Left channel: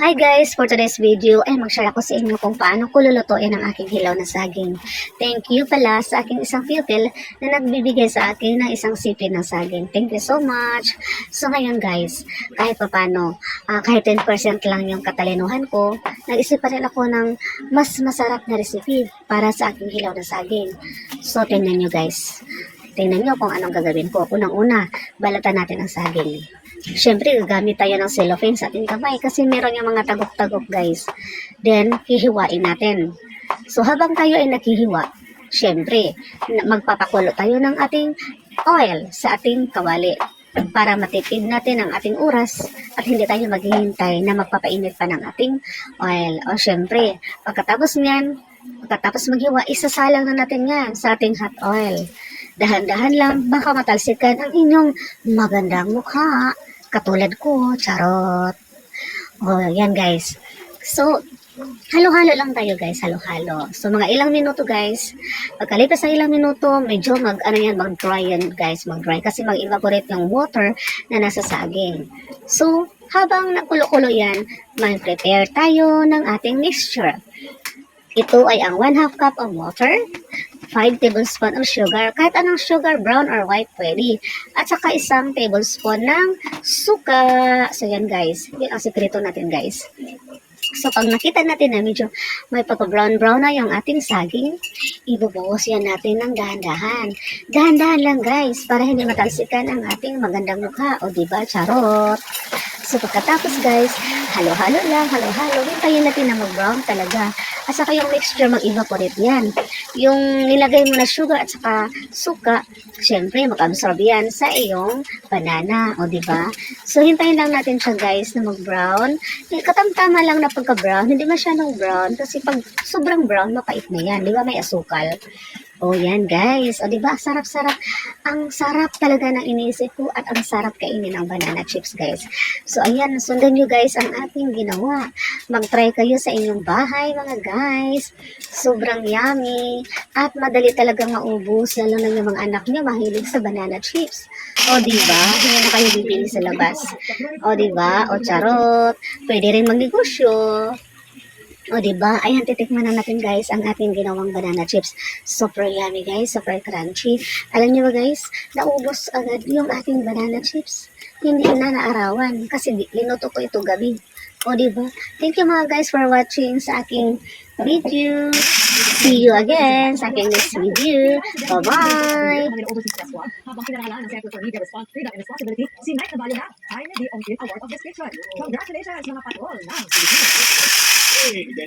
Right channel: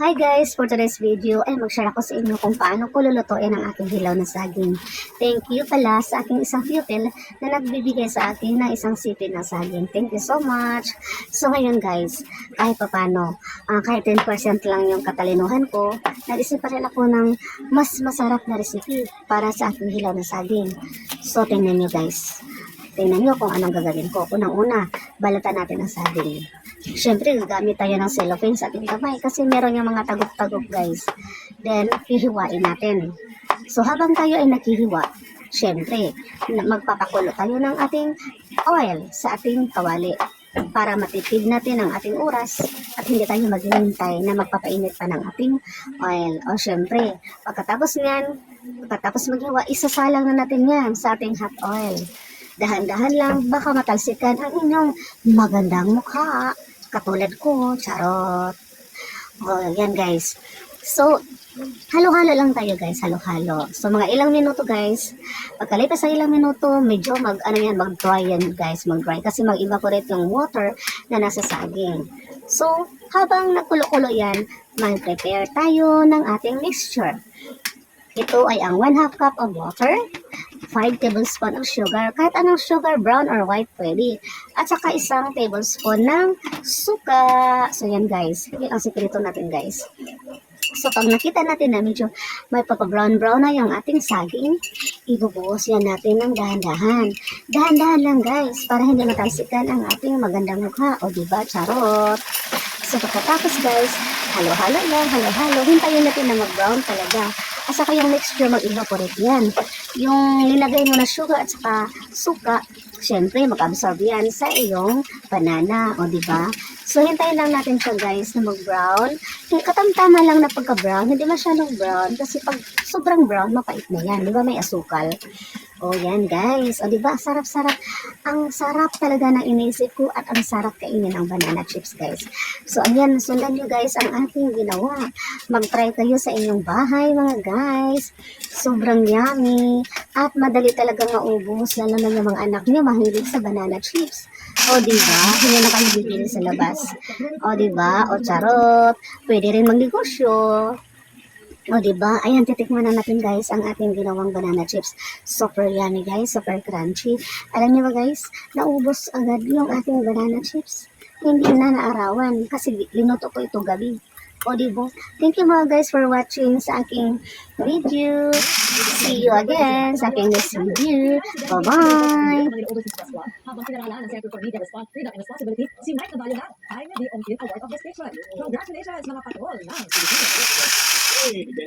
Hi guys! For today's video ay mag-share ako sa inyo kung paano ko lulutuin ang aking hilaw na saging. Thank you pala sa aking isang pupil na nagbibigay sa akin ng isang sipin ng saging. Thank you so much! So ngayon guys, kahit papano, kahit 10% lang yung katalinuhan ko, nag-isip pa rin ako ng mas masarap na recipe para sa aking hilaw na saging. So tingnan nyo guys. Tingnan nyo kung anong gagawin ko. Unang-una, balatan natin ang saging. Siyempre, gagamit tayo ng cellophane sa ating kamay kasi meron yung mga tagok-tagok guys. Then, hihiwain natin. So, habang tayo ay naghihiwa, siyempre, magpapakulo tayo ng ating oil sa ating kawali para matipid natin ang ating oras at hindi tayo maghihintay na magpapainit pa ng ating oil. O siyempre, pagkatapos maghiwa, isasalang na natin yan sa ating hot oil. Dahan-dahan lang, baka matalsikan ang inyong magandang mukha. Katulad ko, charot. O, yan guys. So, halo-halo lang tayo guys, halo-halo. So, mga ilang minuto guys. Pagkalipas ng ilang minuto, medyo mag-dry yan guys, mag-dry. Kasi mag-evaporate yung water na nasa saging. So, habang nakulo-kulo yan, mag-prepare tayo ng ating mixture. Ito ay ang 1/2 cup of water, 5 tablespoon of sugar, kahit anong sugar, brown or white pwede. At saka isang tablespoon ng suka. So yan guys, yun ang sikreto natin guys. So pag nakita natin na medyo may pagka-brown-brown na yung ating saging, ibubuhos yan natin ng dahan-dahan. Dahan-dahan lang guys, para hindi matalsikan ang ating magandang mukha. O diba, charot? So pagkatapos guys, halo-halo lang, halo-halo. Hintayin natin na mag-brown talaga. At saka yung mixture mag-evaporate yan. Yung nilagay mo na sugar at saka suka, syempre mag-absorb yan sa iyong banana. O diba? So hintayin lang natin siya guys na mag-brown. Katamtama lang na pagka-brown, hindi masyadong brown. Kasi pag sobrang brown, mapait na yan. Diba may asukal? O yan guys. O diba? Sarap-sarap. Ang sarap talaga ng inisip ko at ang sarap kainin ng banana chips guys. So ayan, sundan nyo guys ang ating ginawa. Mag-try kayo sa inyong bahay mga guys. Sobrang yummy. At madali talaga maubos. Lalo na ng mga anak nyo mahilig sa banana chips. O diba? Hindi na kayo bibili sa labas. O diba? O charot. Pwede rin magnegosyo. O diba? Ayan, titikman na natin guys ang ating ginawang banana chips. Super yummy guys, super crunchy. Alam niyo ba guys, naubos agad yung ating banana chips. Hindi na naarawan kasi linuto ko ito gabi. O diba? Thank you mga guys for watching sa aking video. See you again sa aking next video. Bye-bye! Habang pinaralan ng Center for Media Freedom and Responsibility, si Mike Navalio na ay nag-i-award of distinction. Congratulations mga patol ng Pilipinas!